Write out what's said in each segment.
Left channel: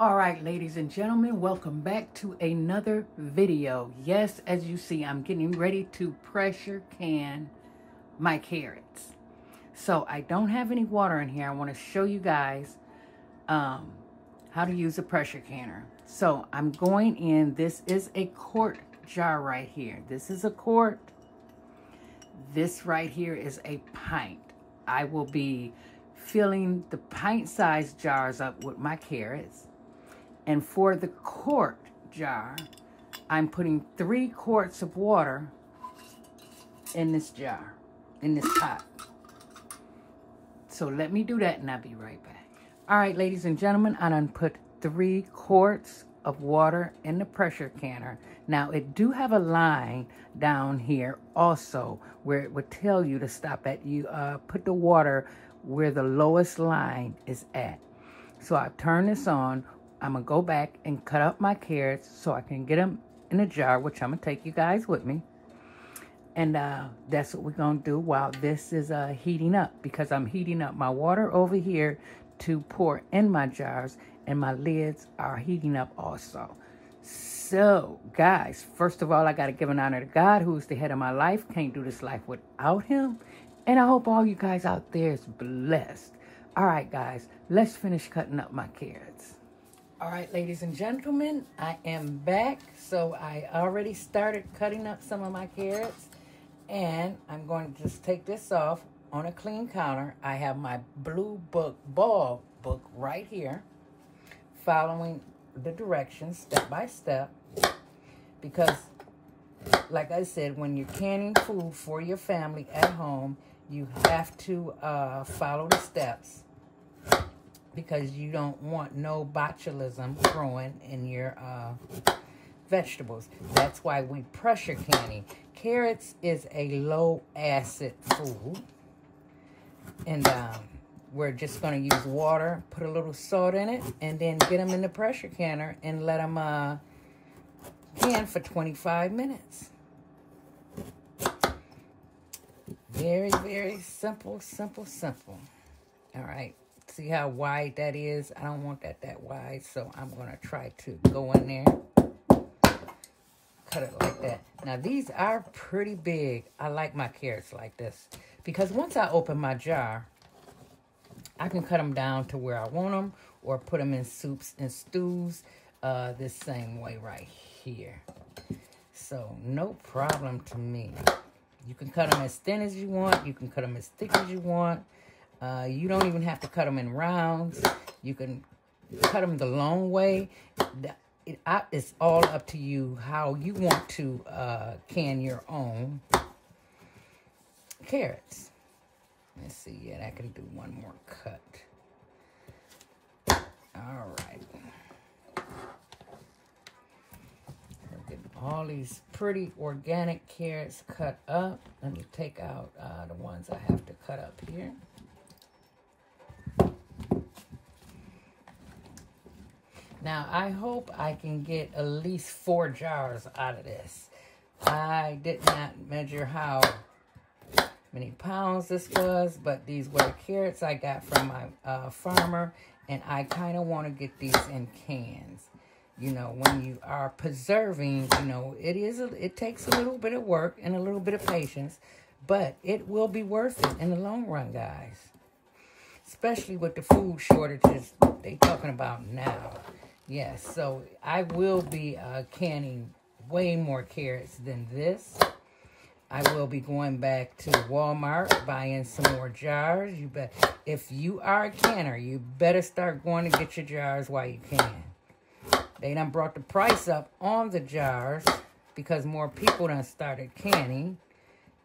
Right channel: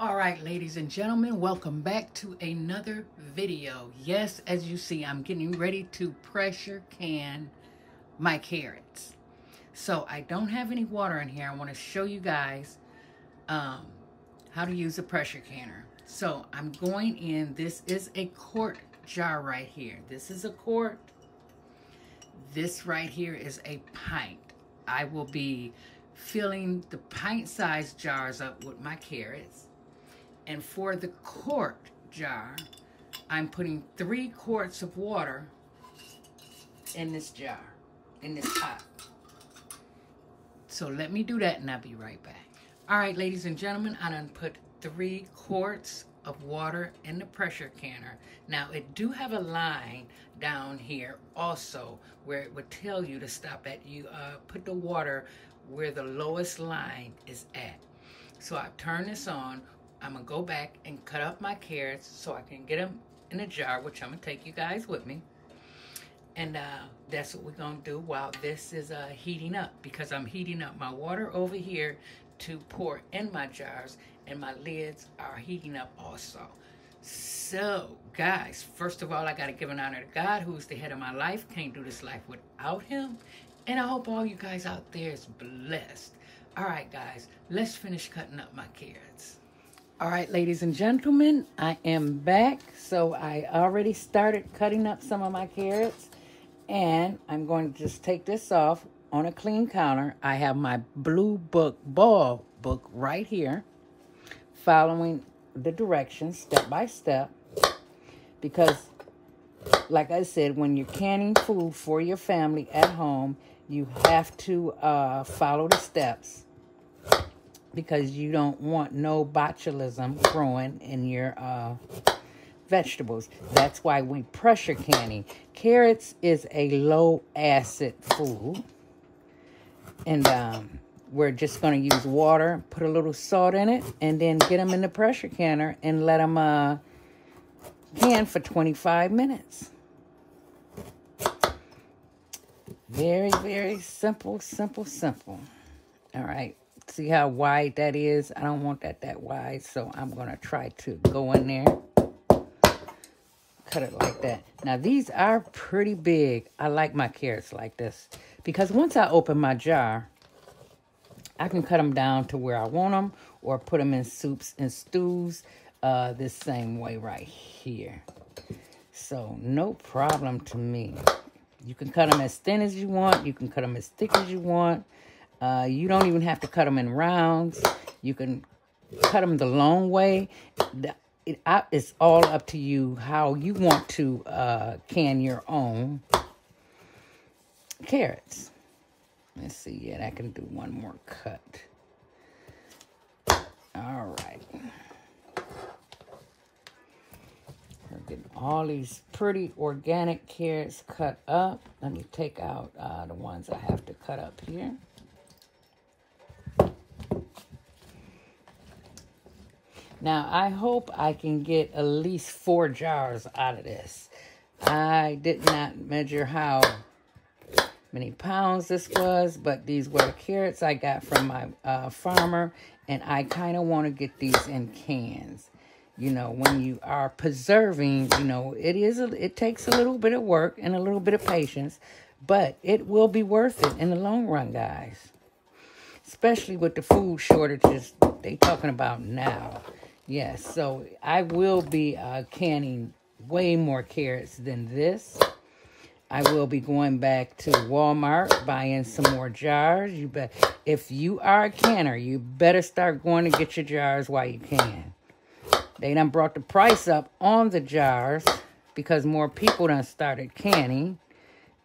All right, ladies and gentlemen, welcome back to another video. Yes, as you see, I'm getting ready to pressure can my carrots. So I don't have any water in here. I want to show you guys how to use a pressure canner. So I'm going in, this is a quart jar right here. This is a quart. This right here is a pint. I will be filling the pint-sized jars up with my carrots. And for the quart jar, I'm putting 3 quarts of water in this jar, in this pot. So let me do that and I'll be right back. All right, ladies and gentlemen, I done put 3 quarts of water in the pressure canner. Now, it do have a line down here also where it would tell you to stop at. You put the water where the lowest line is at. So I've turned this on. I'm going to go back and cut up my carrots so I can get them in a jar, which I'm going to take you guys with me. And that's what we're going to do while this is heating up, because I'm heating up my water over here to pour in my jars, and my lids are heating up also. So, guys, first of all, I got to give an honor to God, who is the head of my life. Can't do this life without him. And I hope all you guys out there is blessed. All right, guys, let's finish cutting up my carrots. All right, ladies and gentlemen, I am back. So I already started cutting up some of my carrots, and I'm going to just take this off on a clean counter. I have my Blue Book ball book right here, following the directions step by step, because like I said, when you're canning food for your family at home, you have to follow the steps, because you don't want no botulism growing in your vegetables. That's why we pressure canning. Carrots is a low acid food, and we're just going to use water, put a little salt in it, and then get them in the pressure canner and let them can for 25 minutes. Very, very simple, simple, simple. All right. See how wide that is? I don't want that wide, so I'm going to try to go in there. Cut it like that. Now, these are pretty big. I like my carrots like this, because once I open my jar, I can cut them down to where I want them, or put them in soups and stews this same way right here. So, no problem to me. You can cut them as thin as you want. You can cut them as thick as you want. You don't even have to cut them in rounds. You can cut them the long way. It's all up to you how you want to can your own carrots. Let's see. Yeah, I can do one more cut. All right. We're getting all these pretty organic carrots cut up. Let me take out the ones I have to cut up here. Now, I hope I can get at least 4 jars out of this. I did not measure how many pounds this was, but these were carrots I got from my farmer, and I kind of want to get these in cans. You know, when you are preserving, you know, it takes a little bit of work and a little bit of patience, but it will be worth it in the long run, guys. Especially with the food shortages they talking about now. Yes, so I will be canning way more carrots than this. I will be going back to Walmart, buying some more jars. If you are a canner, you better start going to get your jars while you can. They done brought the price up on the jars because more people done started canning.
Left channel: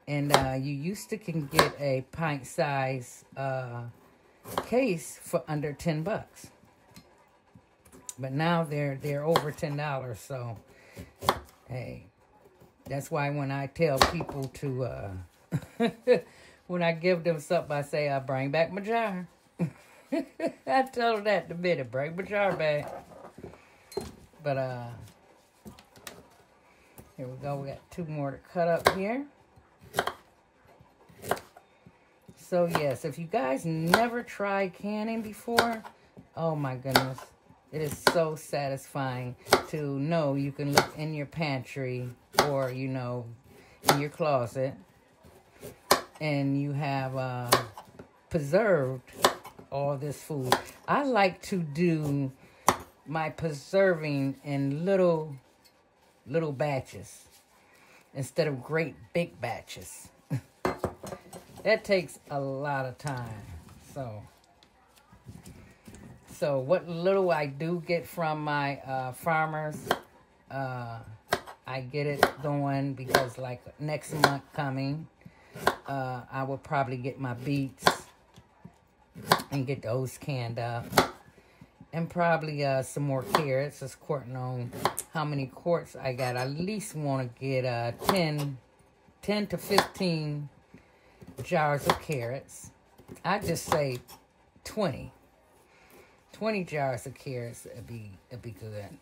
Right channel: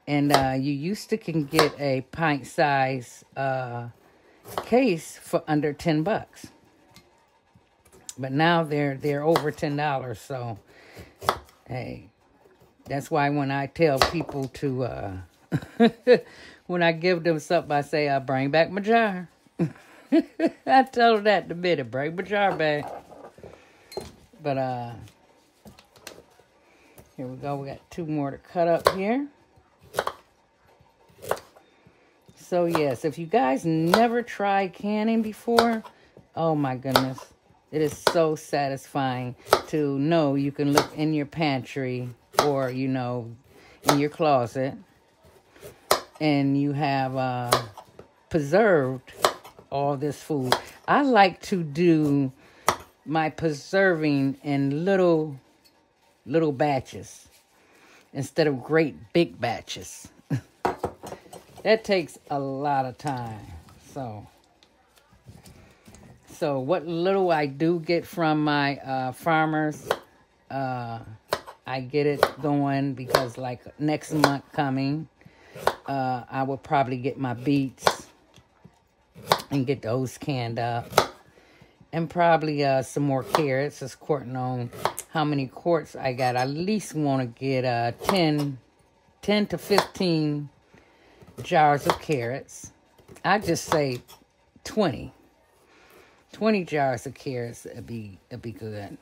And you used to can get a pint-size case for under 10 bucks. But now they're over $10, so hey, that's why when I tell people to when I give them something, I say I bring back my jar. I tell them that in a minute, bring my jar back. But here we go. We got 2 more to cut up here. So yes, if you guys never tried canning before, oh my goodness, It is so satisfying to know you can look in your pantry or, you know, in your closet, and you have preserved all this food. I like to do my preserving in little batches instead of great big batches. That takes a lot of time. So what little I do get from my farmers, I get it going because like next month coming, I will probably get my beets and get those canned up. And probably some more carrots. Just courting on how many quarts I got. I at least want to get 10 to 15 jars of carrots. I just say 20 jars of carrots would be good.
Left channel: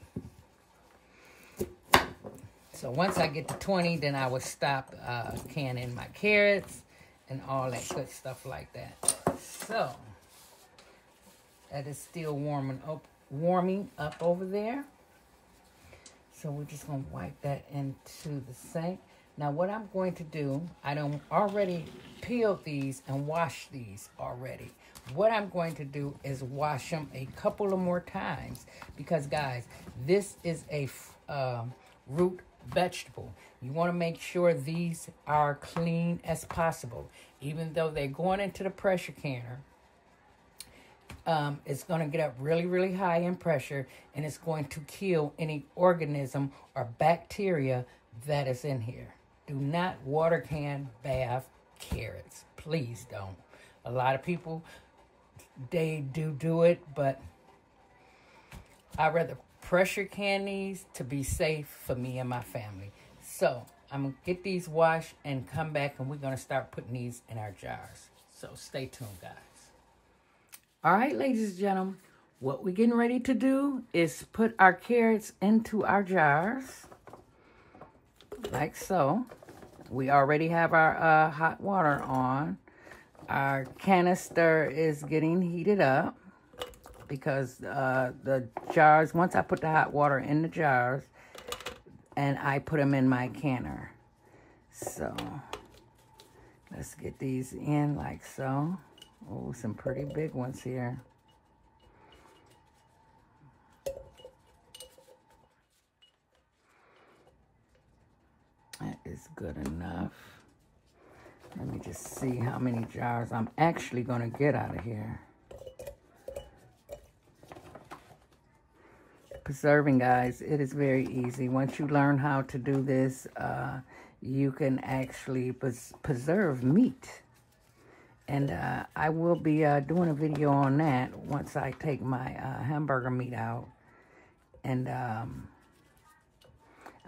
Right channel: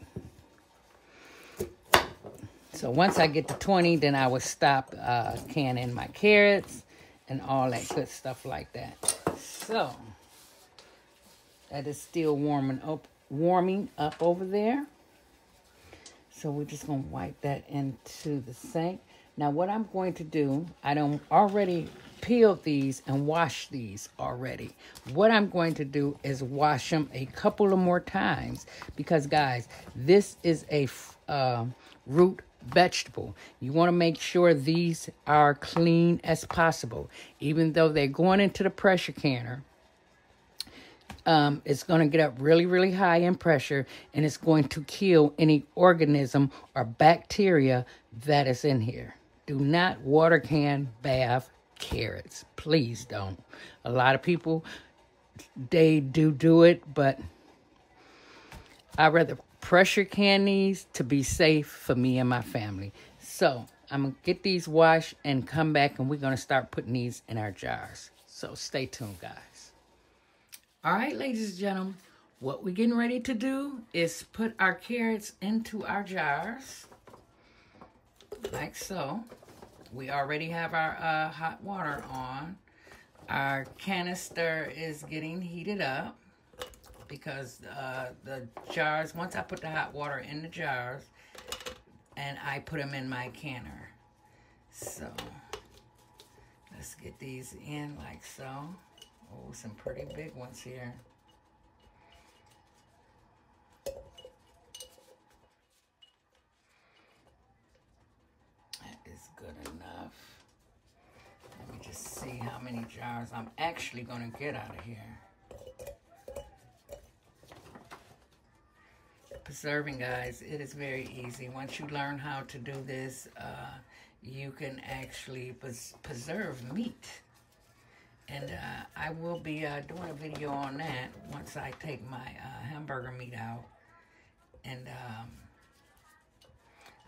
So once I get to 20, then I will stop canning my carrots and all that good stuff like that. So that is still warming up over there. So we're just gonna wipe that into the sink. Now what I'm going to do, I don't already peeled these and washed these already. What I'm going to do is wash them a couple of more times because guys, this is a root vegetable. You want to make sure these are clean as possible. Even though they're going into the pressure canner, it's going to get up really, really high in pressure, and it's going to kill any organism or bacteria that is in here. Do not water can bath carrots. Please don't. A lot of people, they do it, but I'd rather pressure can these to be safe for me and my family. So I'm going to get these washed and come back, and we're going to start putting these in our jars. So stay tuned, guys. All right, ladies and gentlemen, what we're getting ready to do is put our carrots into our jars, like so. We already have our hot water on. Our canister is getting heated up because the jars, once I put the hot water in the jars, and I put them in my canner. So let's get these in like so. Oh, some pretty big ones here. That is good enough. Let me just see how many jars I'm actually going to get out of here. Preserving, guys, it is very easy. Once you learn how to do this, you can actually preserve meat. And I will be doing a video on that once I take my hamburger meat out. And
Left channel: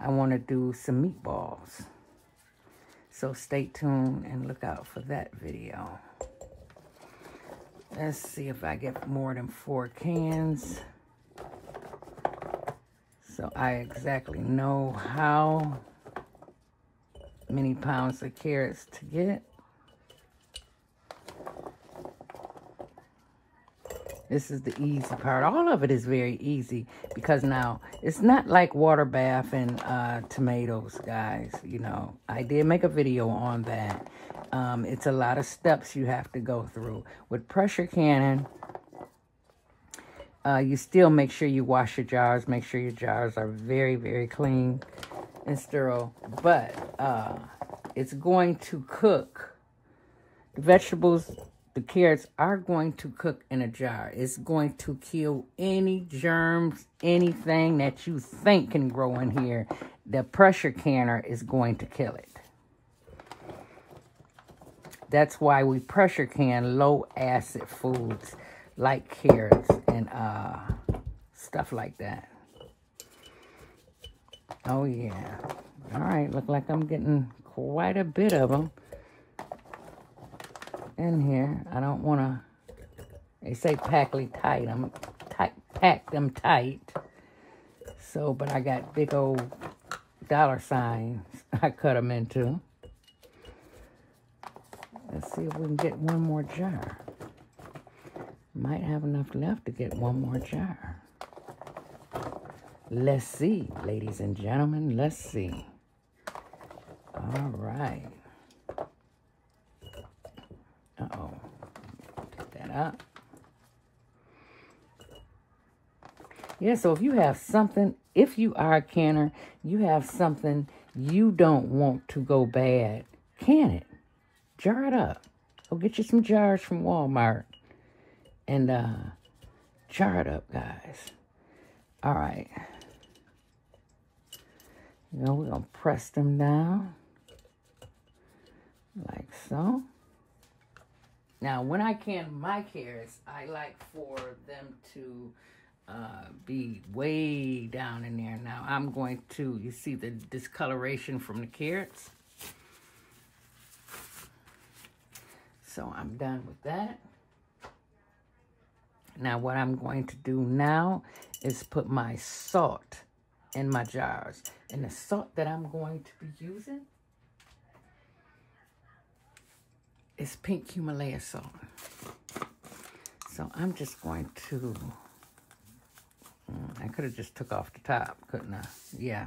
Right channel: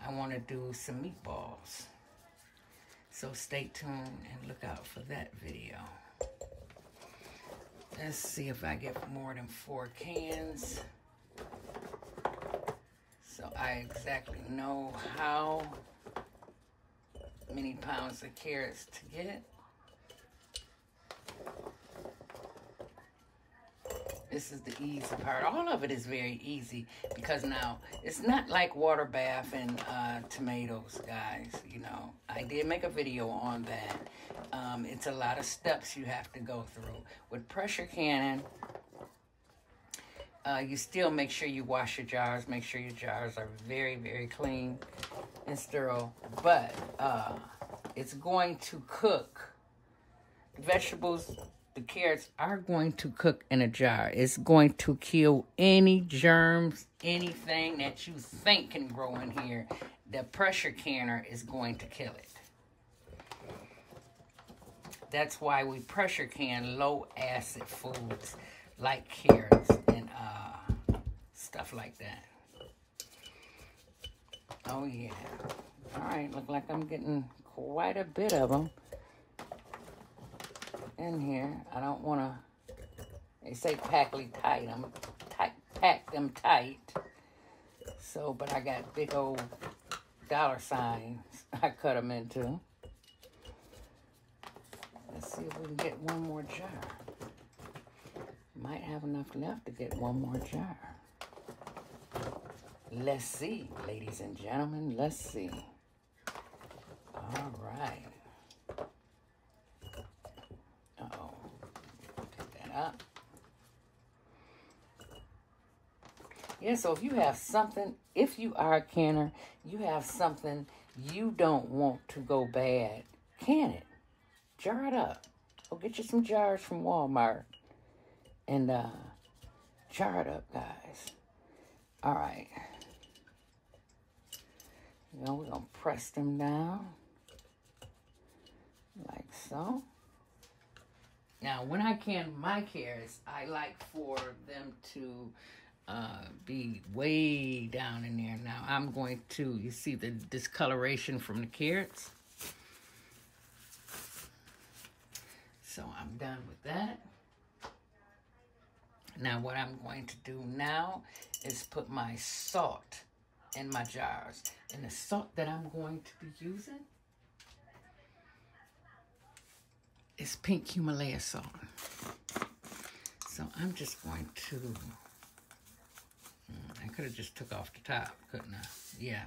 I want to do some meatballs. So stay tuned and look out for that video. Let's see if I get more than 4 cans. So I exactly know how many pounds of carrots to get. This is the easy part. All of it is very easy because now it's not like water bath and tomatoes, guys. You know, I did make a video on that. It's a lot of steps you have to go through. With pressure canning, you still make sure you wash your jars. Make sure your jars are very, very clean and sterile. But it's going to cook. The vegetables, the carrots are going to cook in a jar. It's going to kill any germs, anything that you think can grow in here. The pressure canner is going to kill it. That's why we pressure can low acid foods like carrots and stuff like that. Oh yeah. All right, look like I'm getting quite a bit of them in here. I don't want to, they say packly tight. I'm pack them tight. So, but I got big old dollar signs I cut them into. Let's see if we can get one more jar. Might have enough left to get one more jar. Let's see, ladies and gentlemen, let's see. All right. Uh-oh. Take that up. Yeah, so if you have something, if you are a canner, you have something you don't want to go bad, can it. Jar it up. Go get you some jars from Walmart and jar it up, guys. All right. You know, we're going to press them down like so. Now, when I can my carrots, I like for them to be way down in there. Now, I'm going to, you see the discoloration from the carrots. So, I'm done with that. Now, what I'm going to do now is put my salt in my jars. And the salt that I'm going to be using is pink Himalaya salt. So I'm just going to, I could have just took off the top, couldn't I? Yeah.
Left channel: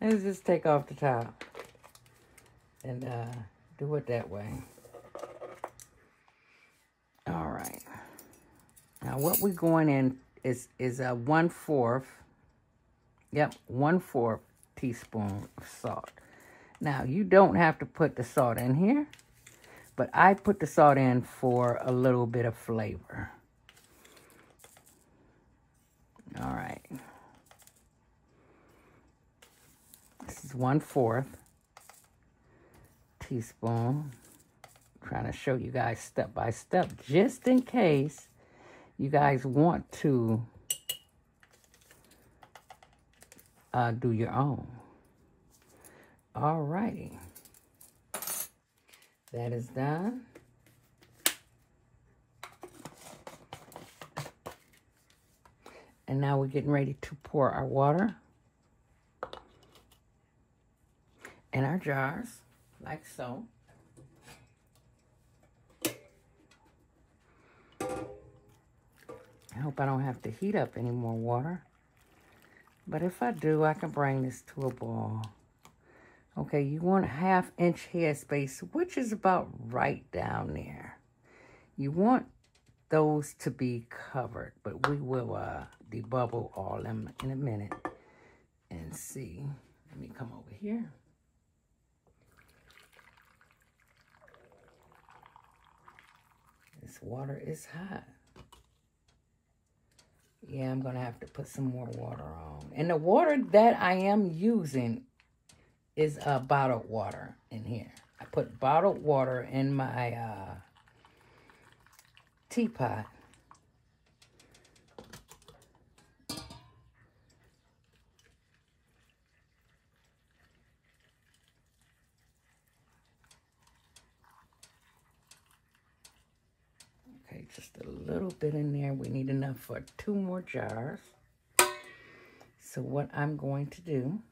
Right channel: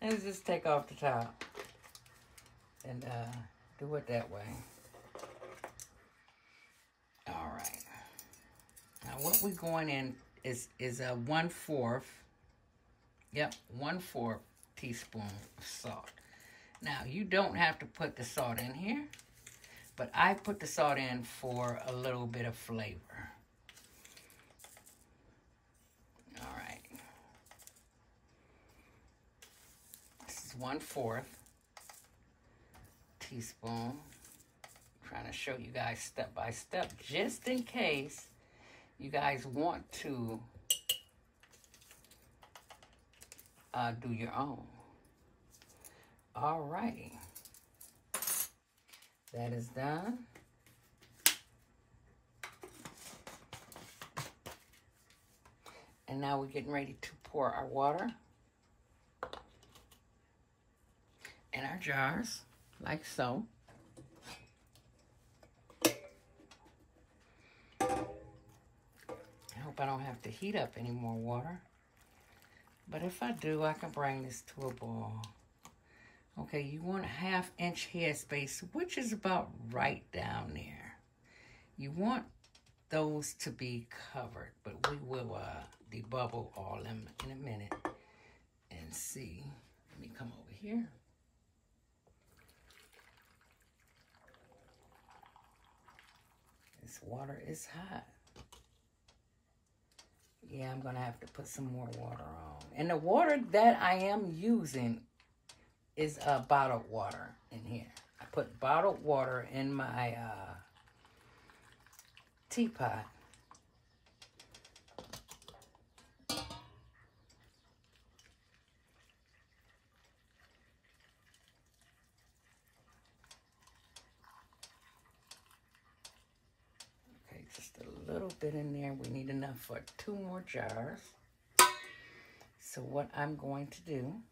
Let's just take off the top and do it that way. All right. Now what we're going in is a 1/4. Yep, 1/4 teaspoon of salt. Now, you don't have to put the salt in here, but I put the salt in for a little bit of flavor. All right. This is 1/4 teaspoon. I'm trying to show you guys step by step, just in case you guys want to do your own. All righty. That is done. And now we're getting ready to pour our water in our jars, like so. I hope I don't have to heat up any more water. But if I do, I can bring this to a boil. Okay, you want a 1/2 inch headspace, which is about right down there. You want those to be covered, but we will debubble all them in a minute and see. Let me come over here. This water is hot. Yeah, I'm going to have to put some more water on. And the water that I am using is bottled water in here. I put bottled water in my teapot. Okay, just a little bit in there. We need enough for 2 more jars. So what I'm going to do,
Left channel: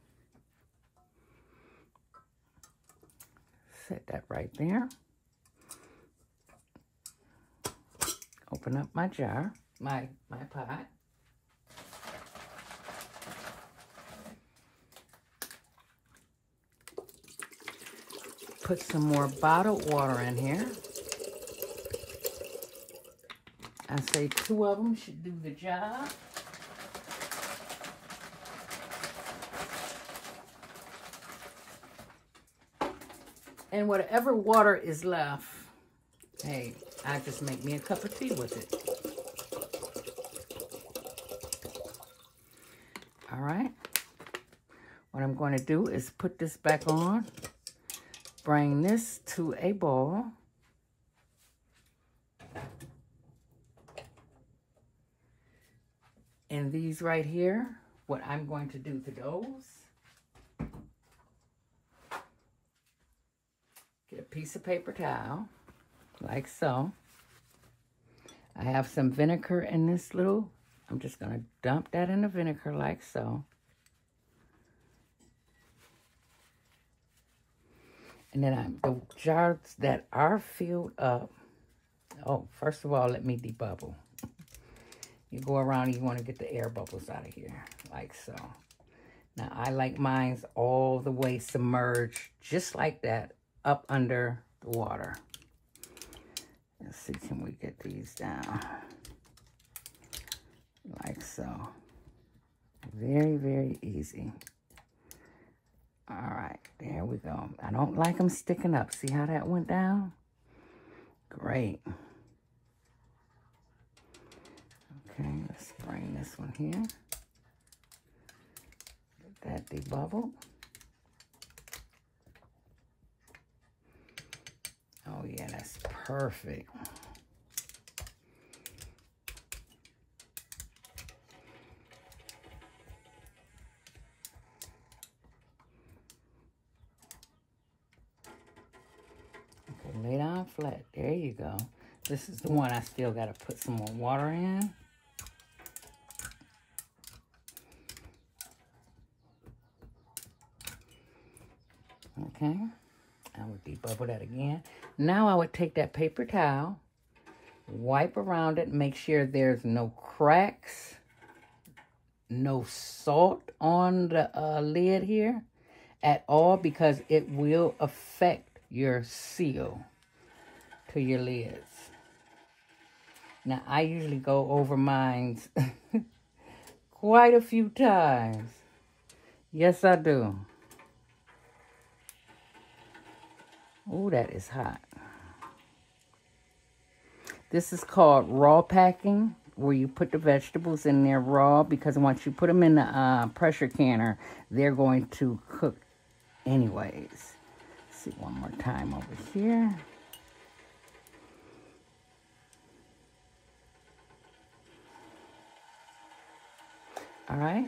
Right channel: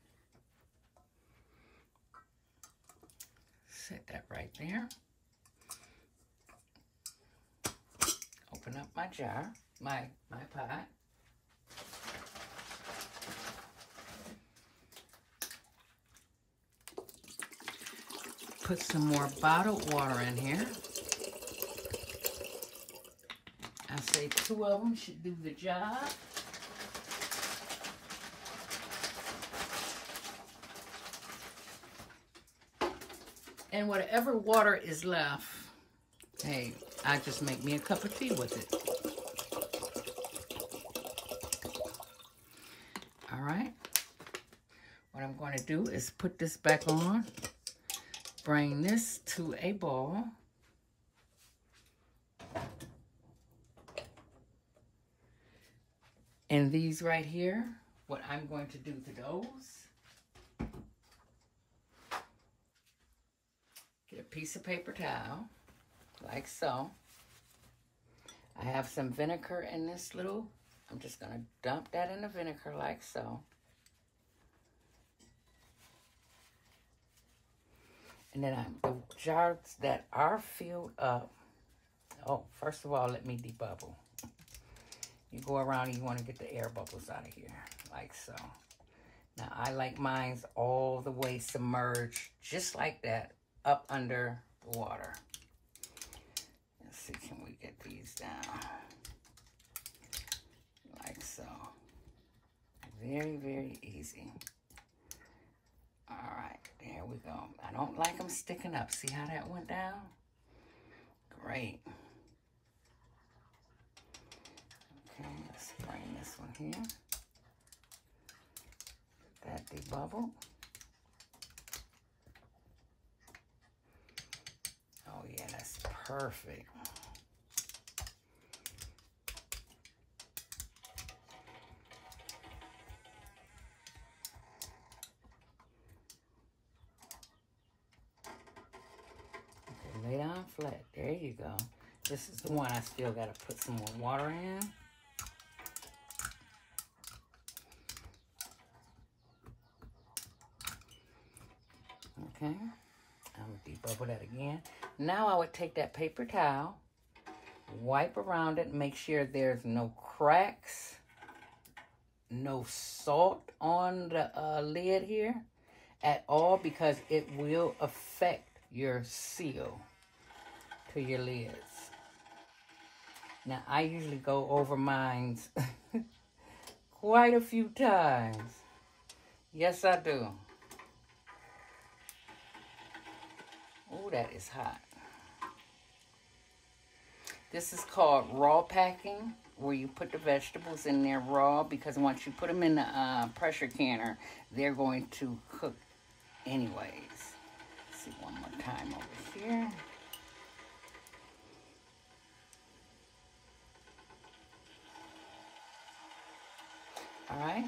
set that right there. Open up my jar, my pot. Put some more bottled water in here. I say 2 of them should do the job. And whatever water is left, hey, I just make me a cup of tea with it. All right. What I'm going to do is put this back on, bring this to a boil. And these right here, what I'm going to do to those, get a piece of paper towel, like so. I have some vinegar in this little, I'm just going to dump that in the vinegar like so. And then the jars that are filled up, oh, first of all, let me debubble. You go around and you want to get the air bubbles out of here, like so. Now, I like mine all the way submerged, just like that, up under the water. Let's see, can we get these down? Like so. Very, very easy. All right, there we go. I don't like them sticking up. See how that went down? Great. Okay, let's bring this one here. Get that debubbled. Oh yeah, that's perfect. Okay, lay down flat. There you go. This is the one I still got to put some more water in. Okay, I would debubble that again. Now I would take that paper towel, wipe around it, make sure there's no cracks, no salt on the lid here at all, because it will affect your seal to your lids. Now I usually go over mine quite a few times. Yes, I do. Oh, that is hot. This is called raw packing, where you put the vegetables in there raw, because once you put them in the pressure canner, they're going to cook anyways. Let's see one more time over here. All right.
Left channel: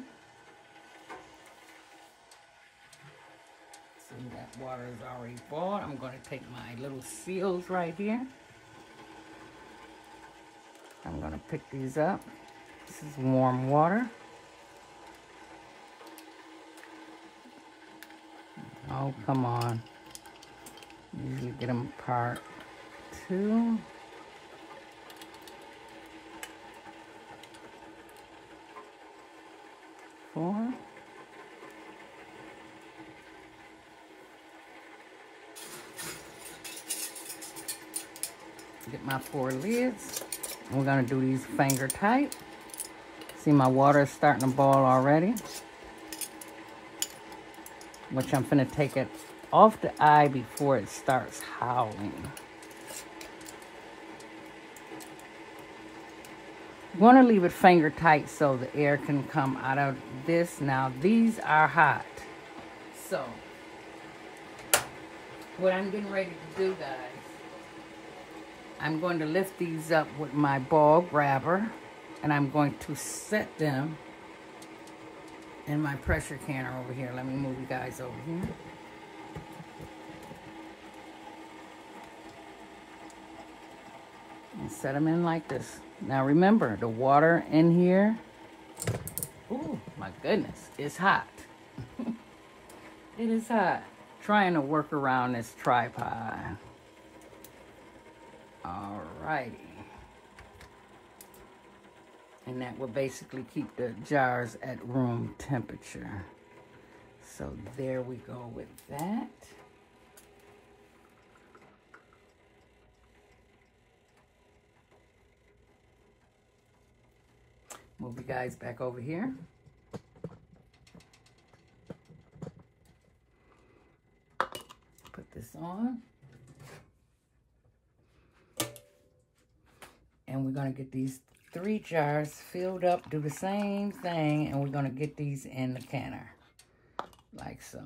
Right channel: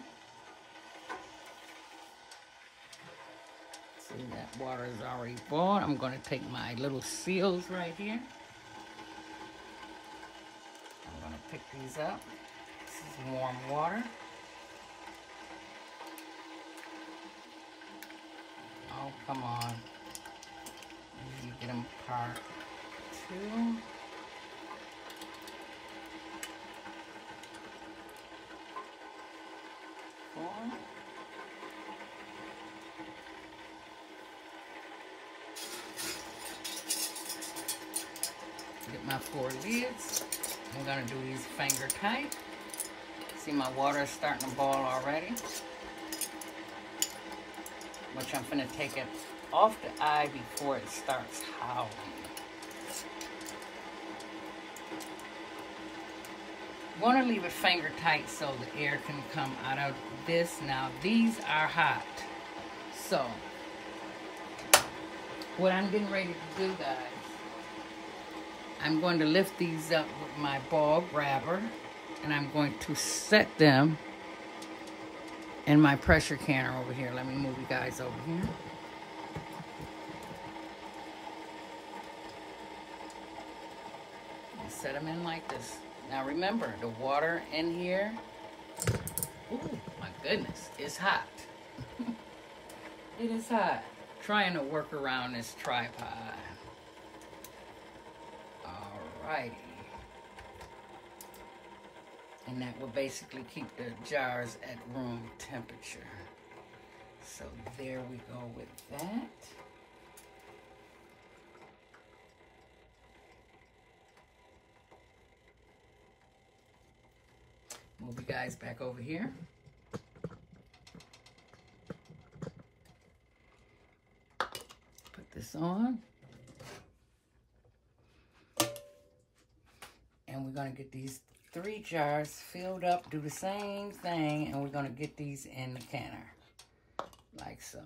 See, that water is already boiled. I'm going to take my little seals right here. I'm going to pick these up. This is warm water. Oh, come on. You get them apart. 2. Get my 4 lids. We're gonna do these finger tight. See, my water is starting to boil already, which I'm gonna take it off the eye before it starts howling. You want to leave it finger tight so the air can come out of this. Now, these are hot. So, what I'm getting ready to do, guys, I'm going to lift these up with my ball grabber, and I'm going to set them in my pressure canner over here. Let me move you guys over here. And set them in like this. Now remember, the water in here, ooh, my goodness, it's hot. It is hot. Trying to work around this tripod. Alrighty. And that will basically keep the jars at room temperature. So there we go with that. Move you guys back over here. Put this on. And we're going to get these 3 jars filled up, do the same thing, and we're going to get these in the canner, like so.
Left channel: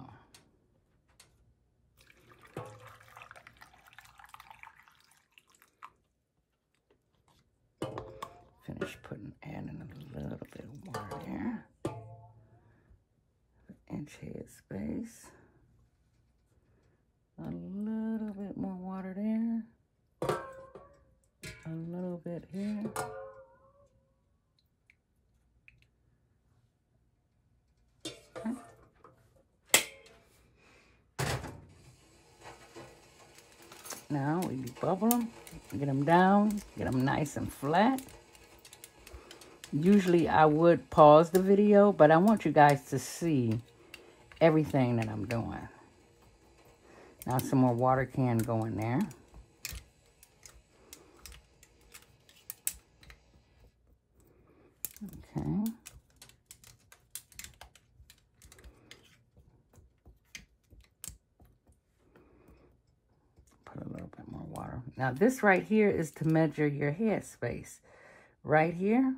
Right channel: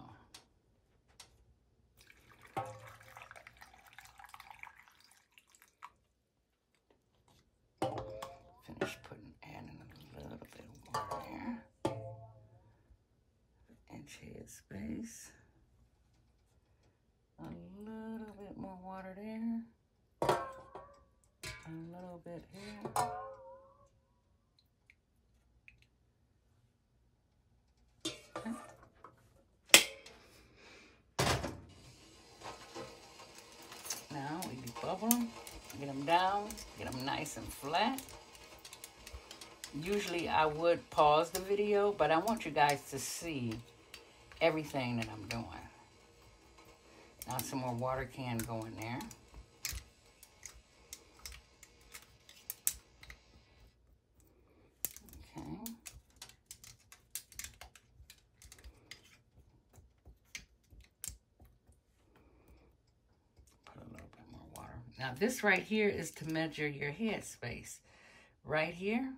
Finish adding a little bit of water there. 1-inch head space. A little bit more water there. A little bit here. Now we bubble them, get them down, get them nice and flat. Usually I would pause the video, but I want you guys to see everything that I'm doing. Now some more water can go in there. Okay. Put a little bit more water. Now this right here is to measure your head space. Right here,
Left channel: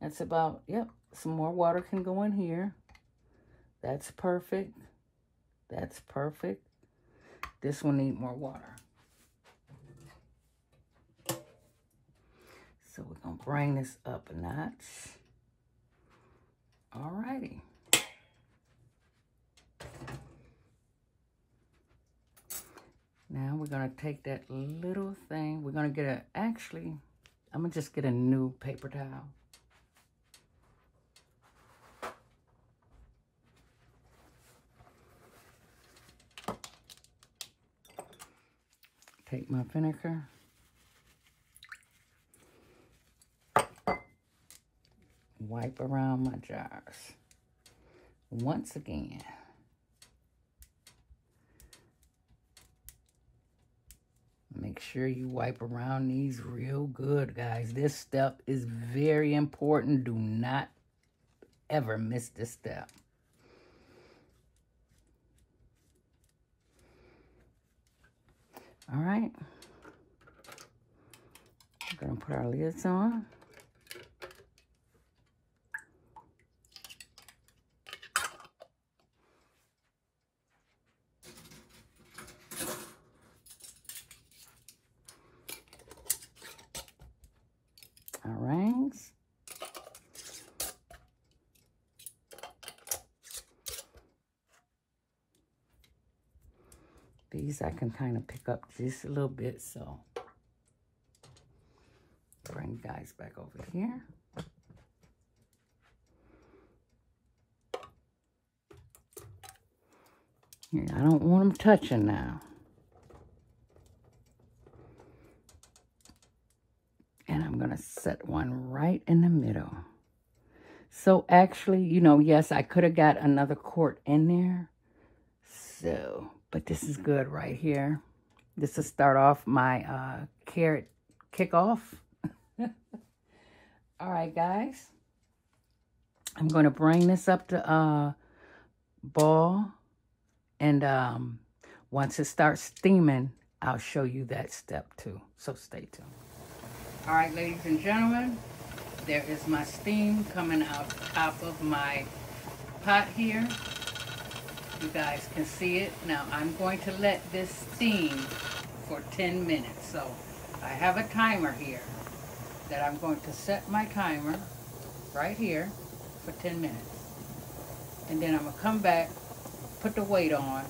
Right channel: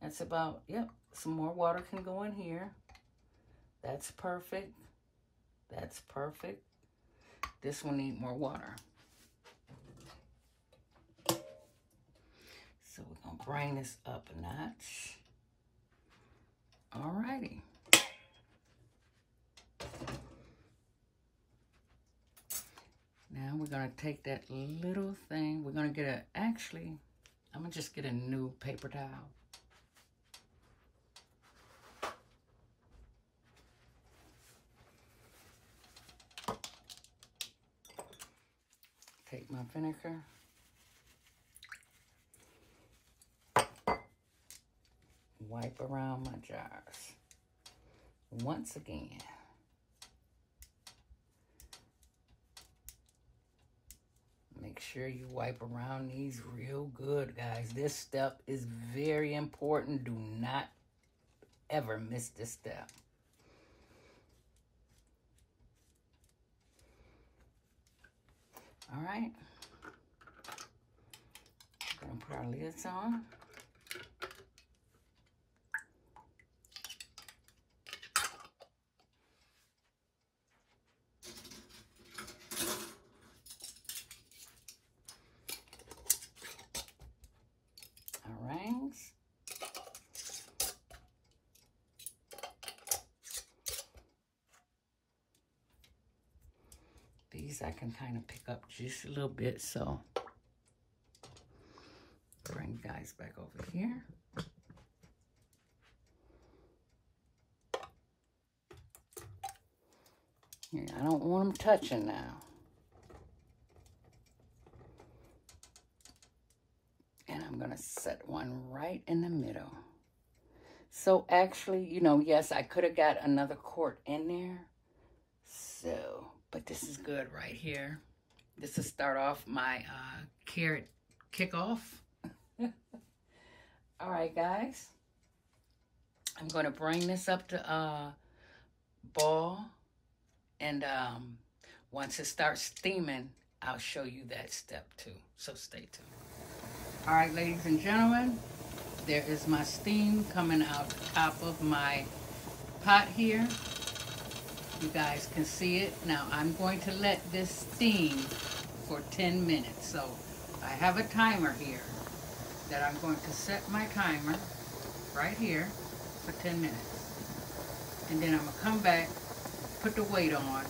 that's about, yep, some more water can go in here. That's perfect. That's perfect. This one needs more water. So we're going to bring this up a notch. Alrighty. Now we're going to take that little thing. We're going to get actually, I'm going to just get a new paper towel. Take my vinegar. Wipe around my jars. Once again. Make sure you wipe around these real good, guys. This step is very important. Do not ever miss this step. All right. We're going to put our lids on. Our rings. These I can kind of pick up just a little bit, so bring you guys back over here. And I don't want them touching now. And I'm going to set one right in the middle. So actually, you know, yes, I could have got another quart in there. So, but this is good right here. This will start off my carrot kickoff. All right, guys. I'm going to bring this up to boil. And once it starts steaming, I'll show you that step too. So stay tuned. All right, ladies and gentlemen, there is my steam coming out the top of my pot here. You guys can see it. Now I'm going to let this steam for 10 minutes. So I have a timer here that I'm going to set my timer right here for 10 minutes. And then I'm gonna come back, put the weight on.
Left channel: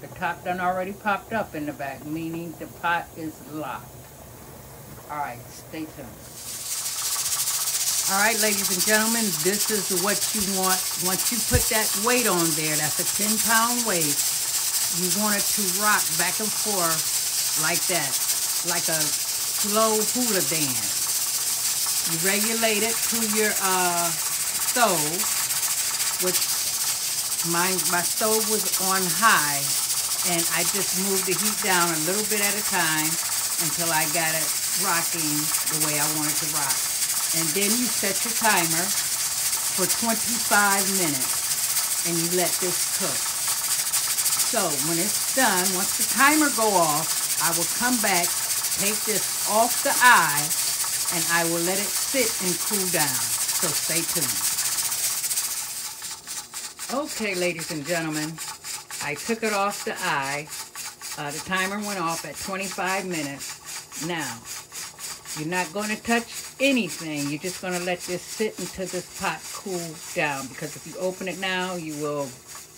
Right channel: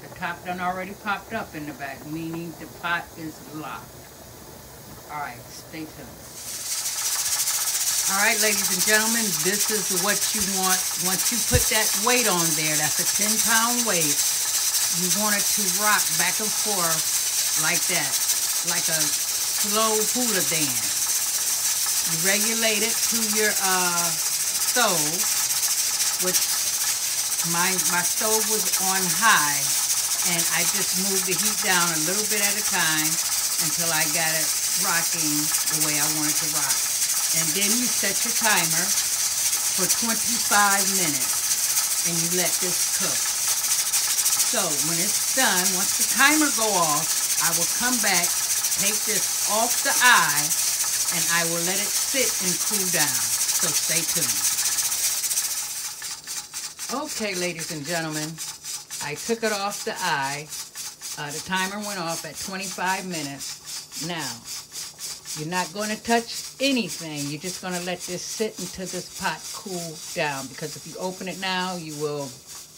The top done already popped up in the back, meaning the pot is locked. All right, stay tuned. All right, ladies and gentlemen, this is what you want. Once you put that weight on there, that's a 10-pound weight, you want it to rock back and forth like that, like a slow hula dance. You regulate it to your stove, which my stove was on high, and I just moved the heat down a little bit at a time until I got it rocking the way I wanted to rock. And then you set your timer for 25 minutes and you let this cook. So when it's done, once the timer go off, I will come back, take this off the eye, and I will let it sit and cool down. So stay tuned. Okay, ladies and gentlemen, I took it off the eye. The timer went off at 25 minutes. Now, you're not going to touch anything. You're just going to let this sit until this pot cool down, because if you open it now, you will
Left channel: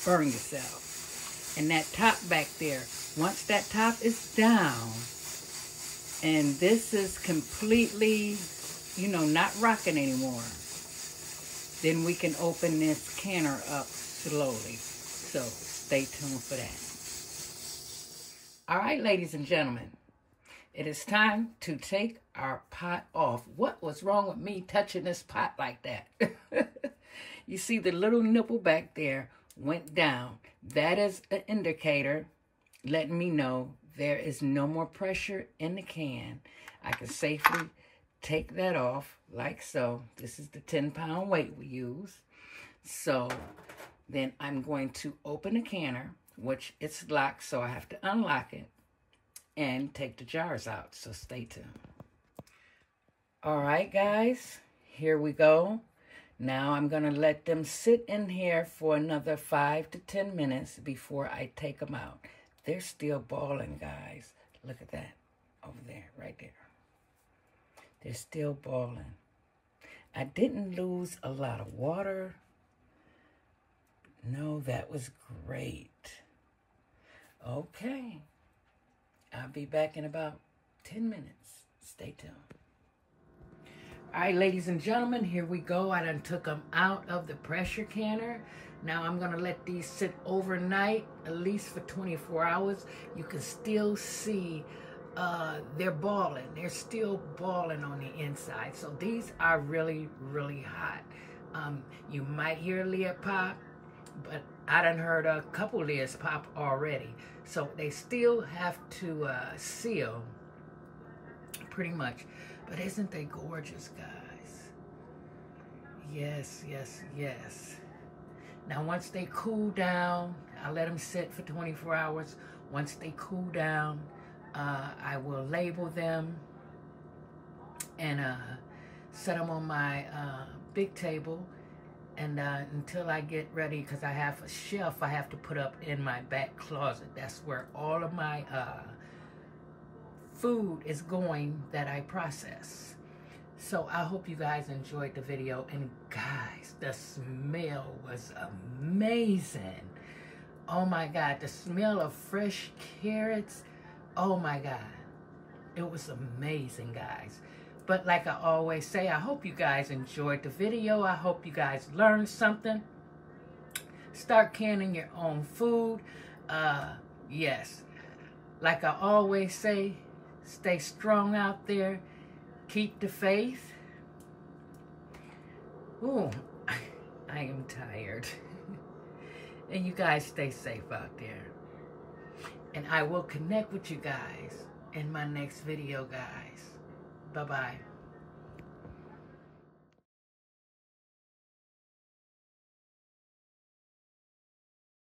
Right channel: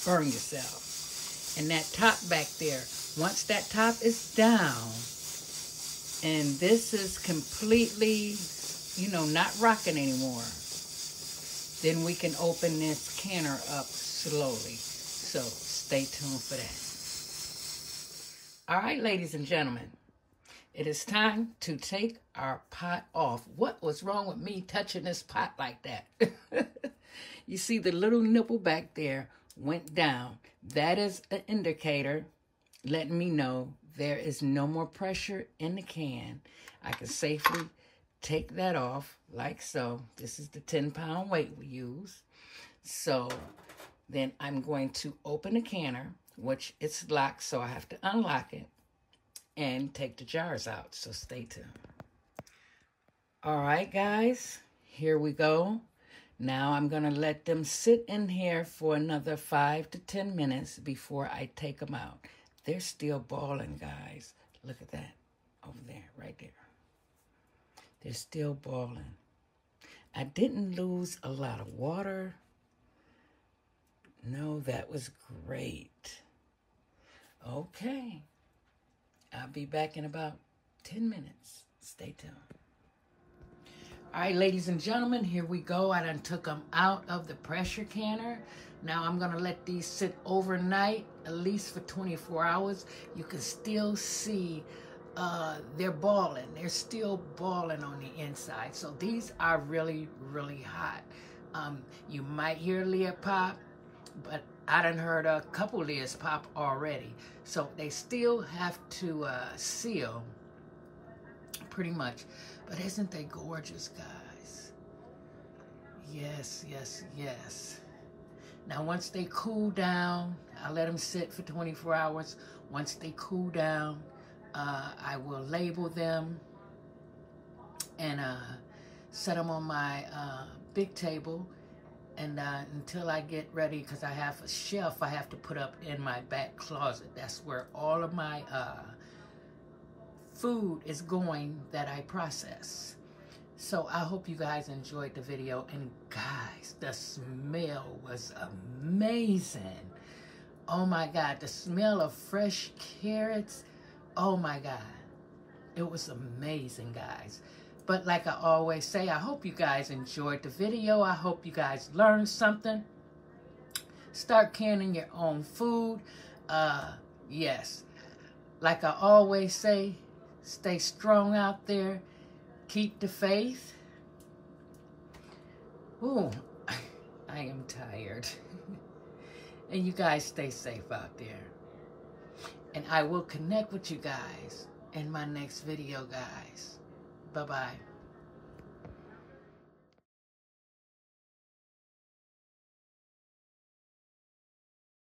burn yourself. And that top back there, once that top is down, and this is completely, you know, not rocking anymore, then we can open this canner up slowly. So stay tuned for that. All right, ladies and gentlemen. it is time to take our pot off. What was wrong with me touching this pot like that? You see the little nipple back there went down. That is an indicator letting me know there is no more pressure in the can. I can safely take that off like so. This is the 10-pound weight we use. So then I'm going to open the canner, which it's locked, so I have to unlock it and take the jars out. So stay tuned. All right, guys, here we go. Now I'm going to let them sit in here for another 5 to 10 minutes before I take them out. They're still boiling, guys. Look at that over there, right there. They're still boiling. I didn't lose a lot of water. No, that was great. Okay. I'll be back in about 10 minutes. Stay tuned. All right, ladies and gentlemen, here we go. I done took them out of the pressure canner. Now I'm going to let these sit overnight, at least for 24 hours. You can still see they're boiling. They're still boiling on the inside. So these are really, really hot. You might hear lid pop, but I done heard a couple lids pop already. So they still have to seal pretty much. But isn't they gorgeous, guys? Yes, yes, yes. Now, once they cool down, I'll let them sit for 24 hours. Once they cool down, I will label them and set them on my big table. And until I get ready, because I have a shelf I have to put up in my back closet. That's where all of my food is going that I process. So I hope you guys enjoyed the video. And guys, the smell was amazing. Oh my God, the smell of fresh carrots. Oh my God, it was amazing, guys. But like I always say, I hope you guys enjoyed the video. I hope you guys learned something. Start canning your own food. Yes, like I always say, stay strong out there. Keep the faith. Ooh, I am tired. And you guys stay safe out there. And I will connect with you guys in my next video, guys. Bye-bye.